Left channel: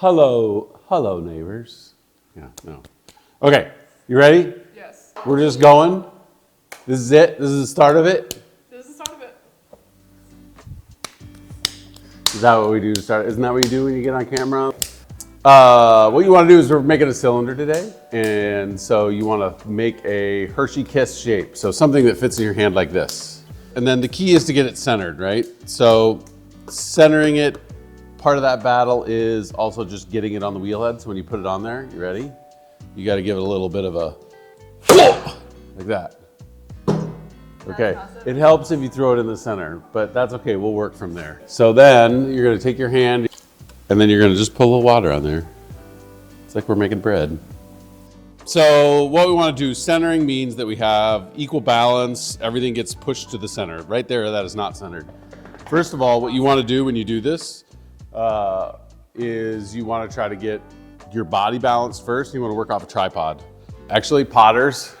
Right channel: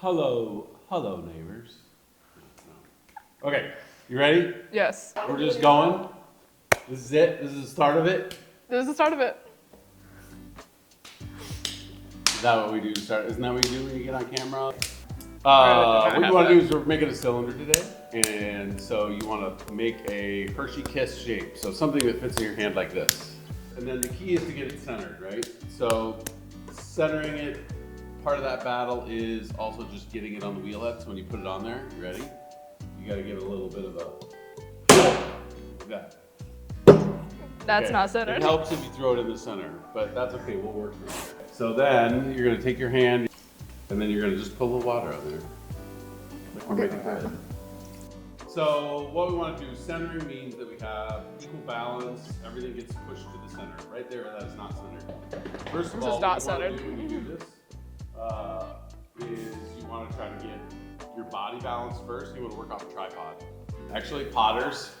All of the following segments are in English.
Hello, neighbors. Yeah, no. Okay, you ready? Yes. We're just going. This is it. This is the start of it. This is the start of it. Is that what we do to start? Isn't that what you do when you get on camera? What you want to do is we're making a cylinder today, and so you want to make a Hershey Kiss shape, so something that fits in your hand like this. And then the key is to get it centered, right? So centering it, part of that battle is also just getting it on the wheel head. So when you put it on there, you ready? You got to give it a little bit of a like that. That's okay. not centered. It helps if you throw it in the center, but that's okay. We'll work from there. So then you're going to take your hand and then you're going to just pull a little water on there. It's like we're making bread. So what we want to do, centering means that we have equal balance. Everything gets pushed to the center. Right there, that is not centered. First of all, what you want to do when you do this is you want to try to get your body balanced first. You want to work off a tripod. Actually, potters,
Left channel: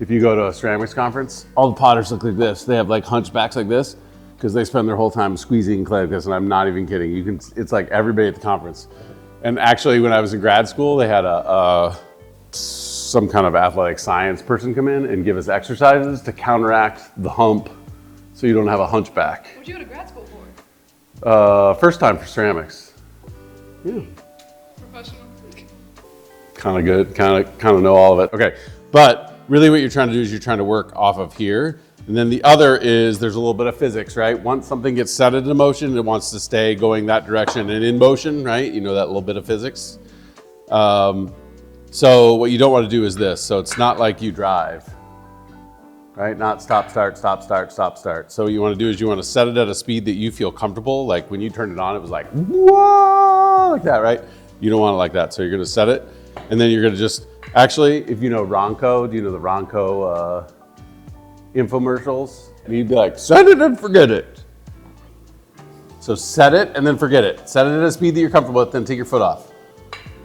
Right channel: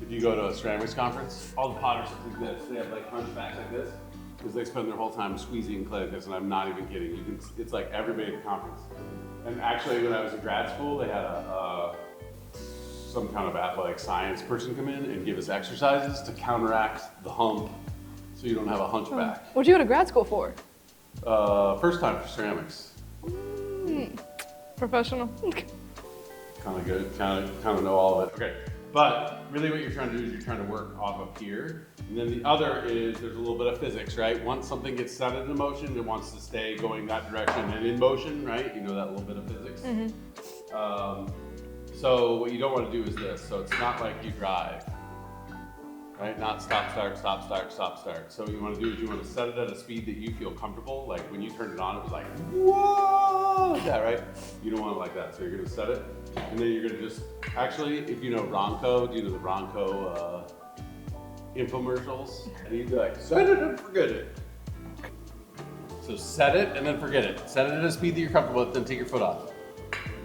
if you go to a ceramics conference, all the potters look like this. They have like hunchbacks like this because they spend their whole time squeezing clay like this, and I'm not even kidding. It's like everybody at the conference. And actually, when I was in grad school, they had some kind of athletic science person come in and give us exercises to counteract the hump so you don't have a hunchback. What'd you go to grad school for? First time for ceramics. Yeah. Professional. Kind of good, kind of know all of it. Okay, but really what you're trying to do is you're trying to work off of here. And then the other is there's a little bit of physics, right? Once something gets set into motion, it wants to stay going that direction and in motion, right? You know that little bit of physics. Mm-hmm. So what you don't want to do is this. So it's not like you drive, right? Not stop, start, stop, start, stop, start. So what you want to do is you want to set it at a speed that you feel comfortable. Like when you turned it on, it was like, whoa, like that, right? You don't want it like that. So you're going to set it. And then you're going to just, actually, if you know Ronco, do you know the Ronco infomercials? You'd be like, set it and forget it. So set it and then forget it. Set it at a speed that you're comfortable with, then take your foot off.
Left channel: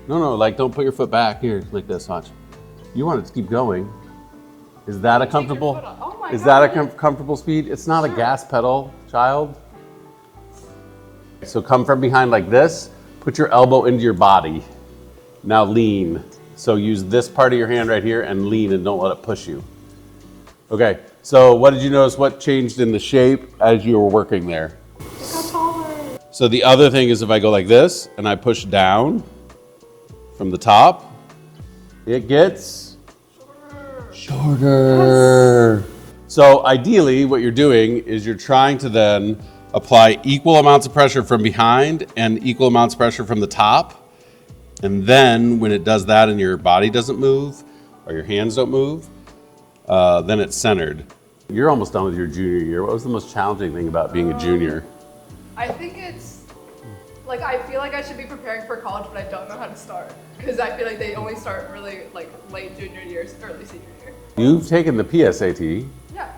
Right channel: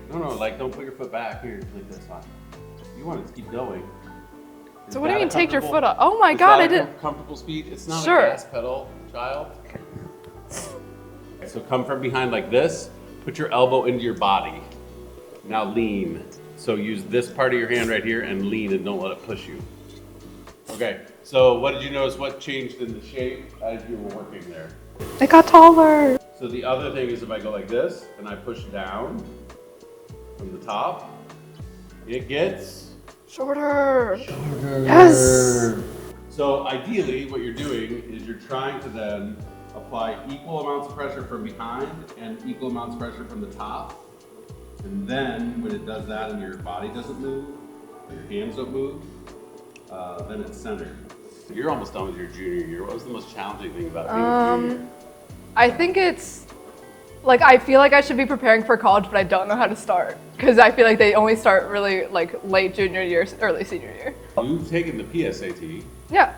No, like don't put your foot back here like this, watch. You want it to keep going. Is So that when a do you take your comfortable? foot off? Oh my is God! that a comfortable speed? It's not Sure. a gas pedal, child. So come from behind like this. Put your elbow into your body. Now lean. So use this part of your hand right here and lean and don't let it push you. Okay. So what did you notice? What changed in the shape as you were working there? It got taller. So the other thing is if I go like this and I push down from the top, it gets Shorter. Yes. So ideally what you're doing is you're trying to then apply equal amounts of pressure from behind and equal amounts of pressure from the top. And then when it does that and your body doesn't move or your hands don't move, then it's centered. You're almost done with your junior year. What was the most challenging thing about being a junior? I think it's, like, I feel like I should be preparing for college, but I don't know how to start. Because I feel like they only start really, like, late junior year, early senior year. You've taken the PSAT. Yeah.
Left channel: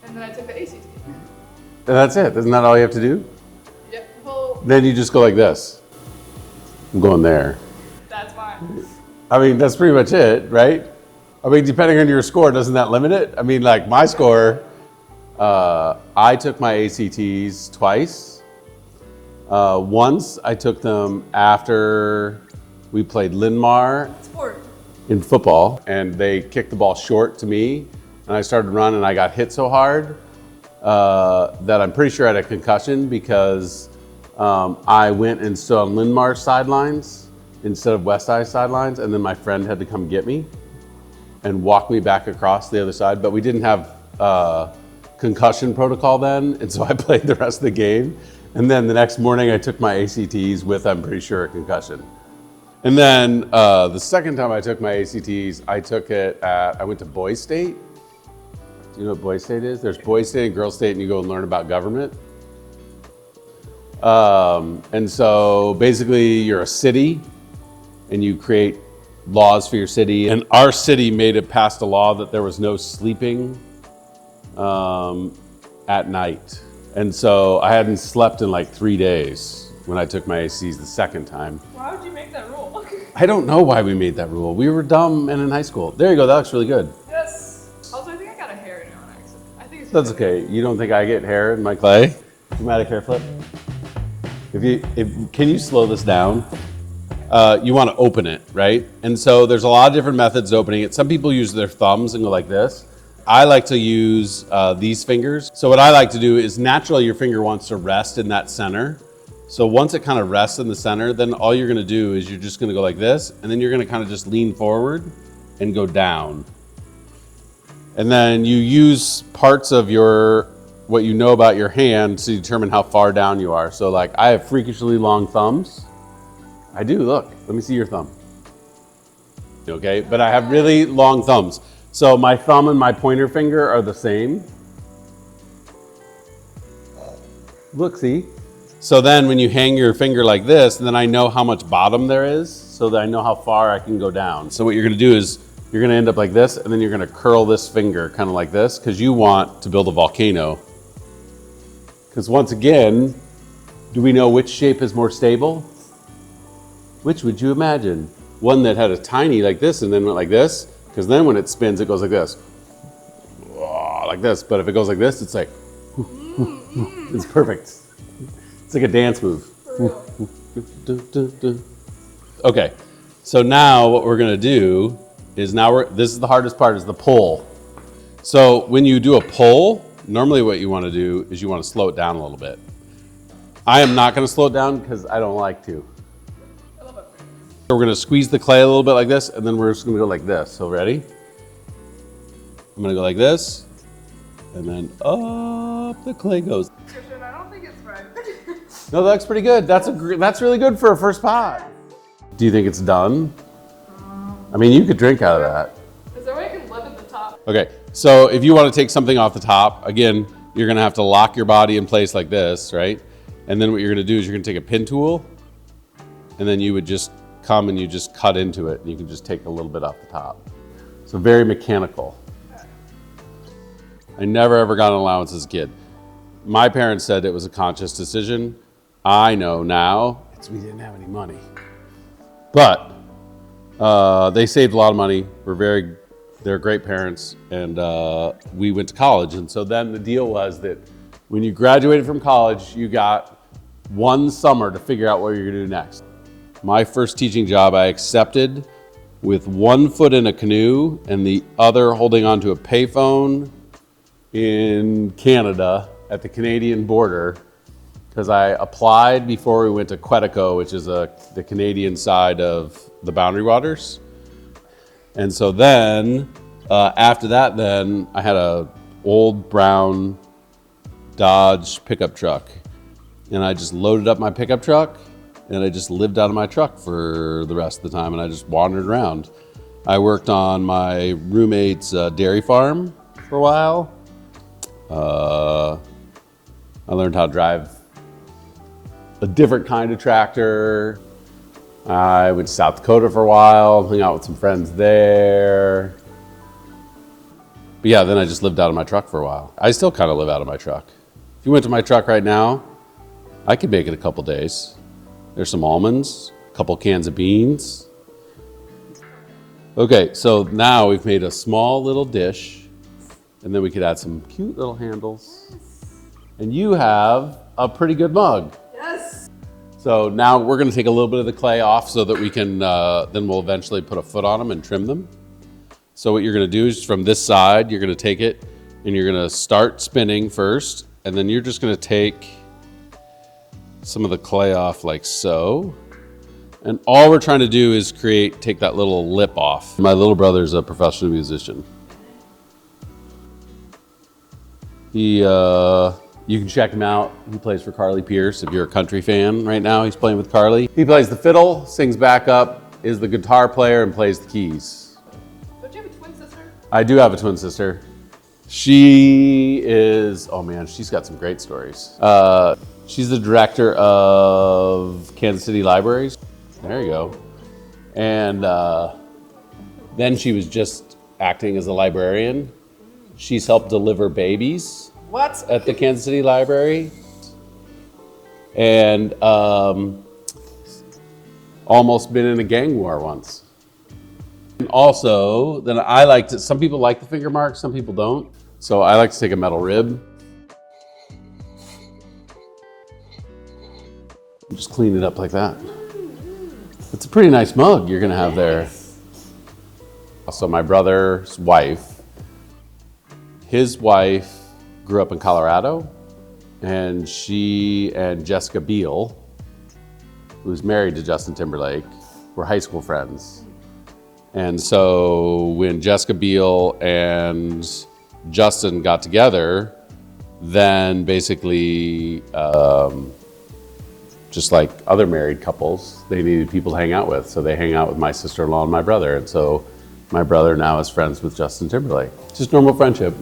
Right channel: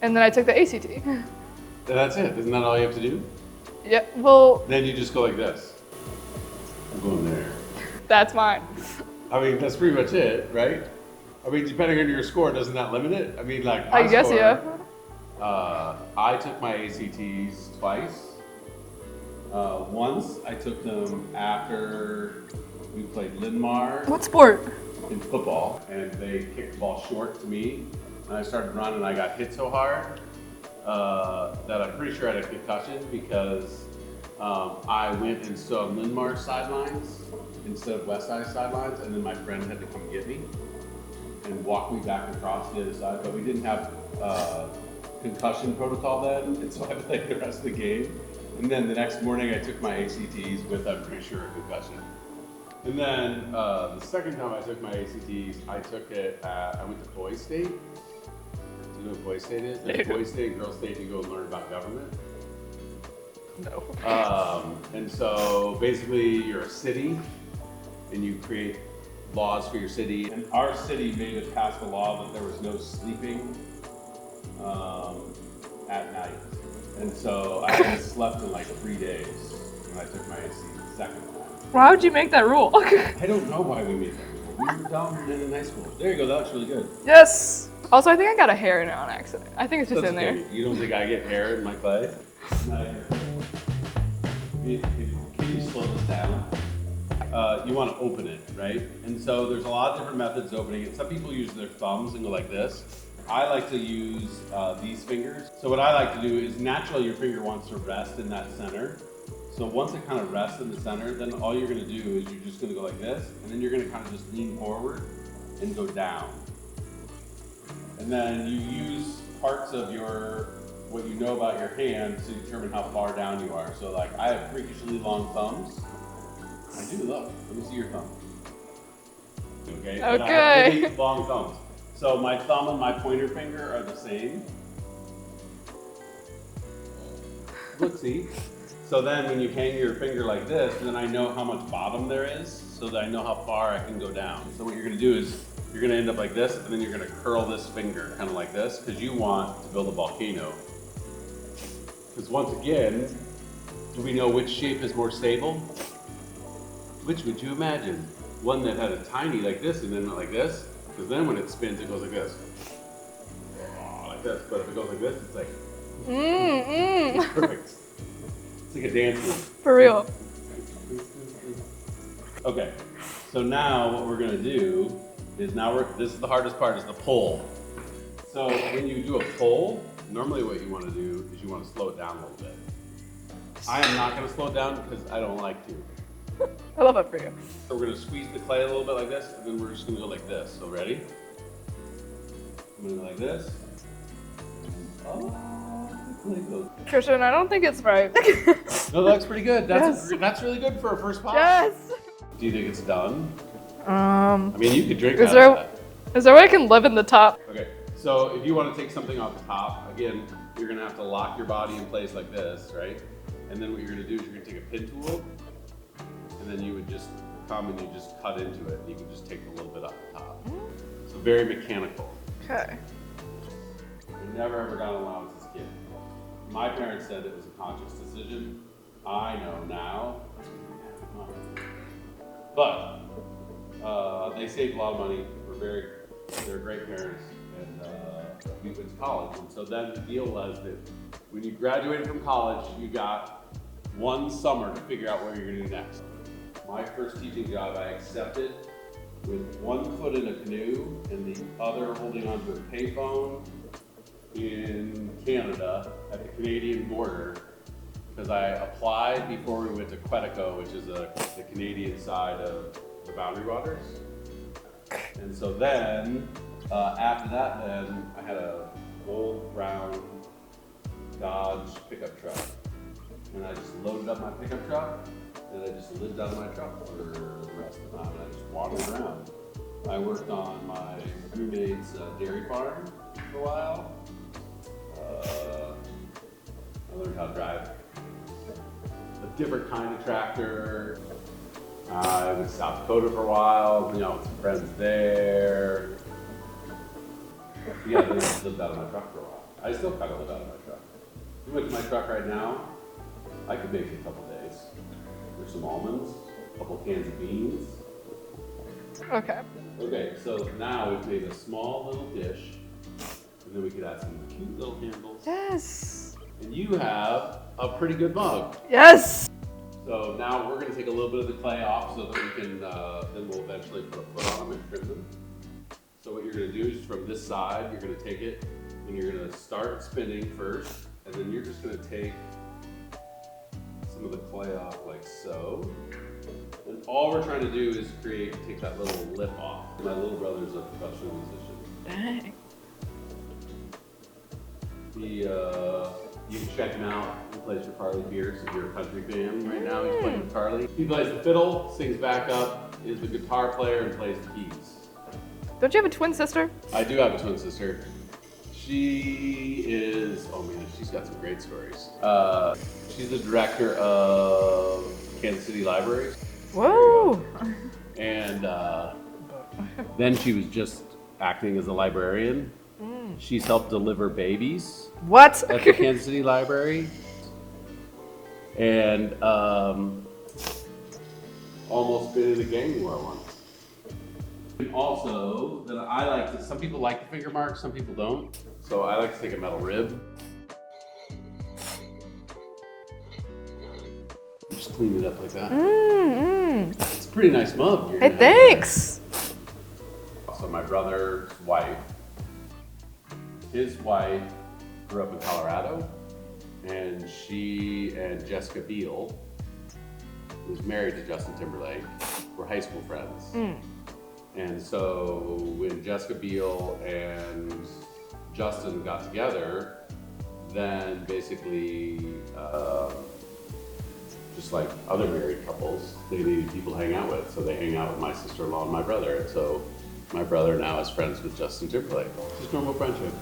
And then I took the ACT. And that's it. Isn't that all you have to do? Yeah, well. Then you just go like this. I'm going there. That's mine. I mean, that's pretty much it, right? I mean, depending on your score, doesn't that limit it? I mean, like my score, yeah. I took my ACTs twice. Once I took them after we played Linmar. What sport? In football, and they kicked the ball short to me, and I started running and I got hit so hard that I'm pretty sure I had a concussion because I went and stood on Linmar's sidelines instead of Westside sidelines, and then my friend had to come get me and walk me back across the other side, but we didn't have concussion protocol then, and so I played the rest of the game. And then the next morning I took my ACTs with, I'm pretty sure, a concussion. And then the second time I took my ACTs, I went to Boys State. You know what Boys State is? There's Boys State and Girls State, and you go and learn about government. No. And so basically you're a city and you create laws for your city. And our city passed a law that there was no sleeping at night. And so I hadn't slept in like 3 days when I took my ACs the second time. Why would you make that rule? I don't know why we made that rule. We were dumb and in high school. There you go, that looks really good. Yes. Also, I think I got a hair in it on accident. I think it's just That's in okay. there. You don't think I get hair in my clay? Dramatic hair flip. Can you slow this down? you want to open it, right? And so there's a lot of different methods of opening it. Some people use their thumbs and go like this. I like to use these fingers. So what I like to do is naturally your finger wants to rest in that center. So once it kind of rests in the center, then all you're gonna do is you're just gonna go like this, and then you're gonna kind of just lean forward and go down. And then you use parts of what you know about your hand to determine how far down you are. So like I have freakishly long thumbs. I do, look, let me see your thumb. Okay, but I have really long thumbs. So my thumb and my pointer finger are the same. Look, see? So then when you hang your finger like this, then I know how much bottom there is, so that I know how far I can go down. So what you're gonna do is, you're gonna end up like this, and then you're gonna curl this finger kind of like this, because you want to build a volcano. Because once again, do we know which shape is more stable? Which would you imagine? One that had a tiny like this and then went like this, because then when it spins, it goes like this. Like this, but if it goes like this, it's like, it's perfect. It's like a dance move. For real. Okay, so now what we're gonna do is this is the hardest part, is the pull. So when you do a pull, normally what you wanna do is you wanna slow it down a little bit. I am not gonna slow it down because I don't like to. I love that for you. So we're gonna squeeze the clay a little bit like this, and then we're just gonna go like this. So ready? I'm gonna go like this, and then up the clay goes. Christian, I don't think it's right. No, that looks pretty good. That's really good for a first pie. Yes. Do you think it's done? I mean, you could drink out of that. Is there a way I can live in the top? Okay, so if you want to take something off the top, again, you're gonna have to lock your body in place like this, right? And then what you're gonna do is you're gonna take a pin tool, and then you would just come and you just cut into it, and you can just take a little bit off the top. So very mechanical. Okay. I never ever got an allowance as a kid. My parents said it was a conscious decision. I know now, because we didn't have any money. But they saved a lot of money. They're great parents, and we went to college. And so then the deal was that when you graduated from college, you got one summer to figure out what you're gonna do next. My first teaching job I accepted with one foot in a canoe and the other holding onto a payphone in Canada at the Canadian border, because I applied before we went to Quetico, which is the Canadian side of the Boundary Waters. And so then, after that, then I had a old brown Dodge pickup truck, and I just loaded up my pickup truck, and I just lived out of my truck for the rest of the time, and I just wandered around. I worked on my roommate's dairy farm for a while. I learned how to drive a different kind of tractor. I went to South Dakota for a while, hung out with some friends there. But yeah, then I just lived out of my truck for a while. I still kind of live out of my truck. If you went to my truck right now, I could make it a couple days. There's some almonds, a couple cans of beans. Okay. Okay, so now we've made a small little dish, and then we could add some cute little handles. Yes. And you have a pretty good mug. Yes. So now we're gonna take a little bit of the clay off so that we can, then we'll eventually put a foot on them and trim them. So what you're gonna do is from this side, you're gonna take it and you're gonna start spinning first, and then you're just gonna take some of the clay off like so. And all we're trying to do is take that little lip off. My little brother's a professional musician. Dang. You can check him out. He plays for Carly Pierce. If you're a country fan right now, he's playing with Carly. He plays the fiddle, sings backup, is the guitar player, and plays the keys. Don't you have a twin sister? I do have a twin sister. She is, oh man, she's got some great stories. She's the director of Kansas City Libraries. Whoa. There you go. And then she was just acting as a librarian. She's helped deliver babies What? at the Kansas City Library. And almost been in a gang war once. And also, then I like to, some people like the finger mark, some people don't. So I like to take a metal rib. Just clean it up like that. It's a pretty nice mug you're gonna have there. Thanks. So my brother's wife, his wife grew up in Colorado, and she and Jessica Biel, who's married to Justin Timberlake, were high school friends. And so when Jessica Biel and Justin got together, then basically, just like other married couples, they needed people to hang out with. So they hang out with my sister-in-law and my brother. And so my brother now is friends with Justin Timberlake. Just normal friendship.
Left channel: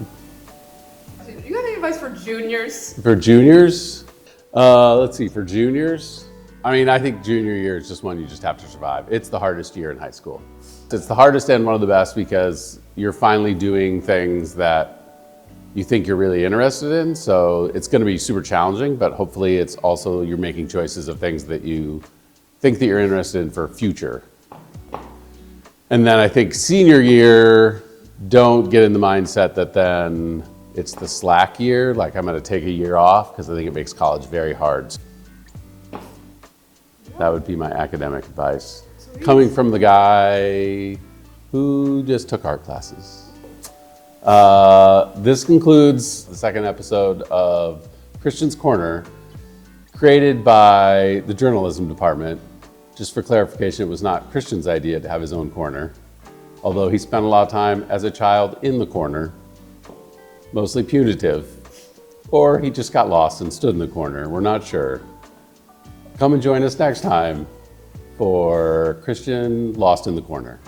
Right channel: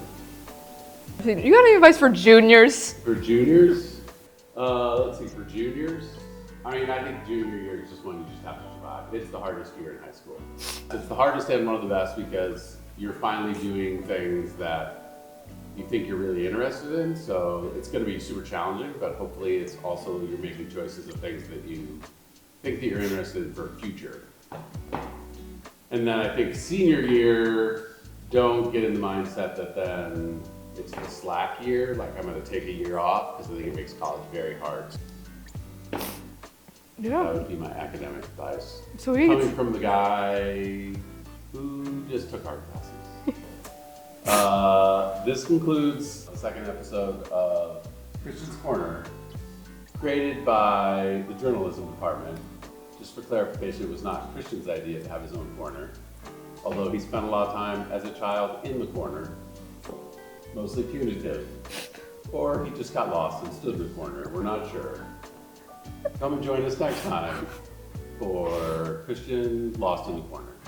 You got any advice for juniors? For juniors, let's see, for juniors, I mean, I think junior year is just one you just have to survive. It's the hardest year in high school. It's the hardest and one of the best because you're finally doing things that you think you're really interested in. So it's going to be super challenging, but hopefully it's also you're making choices of things that you think that you're interested in for future. And then I think senior year, don't get in the mindset that then it's the slack year, like I'm going to take a year off, because I think it makes college very hard. Yeah. That would be my academic advice. Sweet. Coming from the guy who just took art classes. This concludes the second episode of Christian's Corner, created by the journalism department. Just for clarification, it was not Christian's idea to have his own corner, although he spent a lot of time as a child in the corner, mostly punitive, or he just got lost and stood in the corner. We're not sure. Come and join us next time for Christian Lost in the Corner.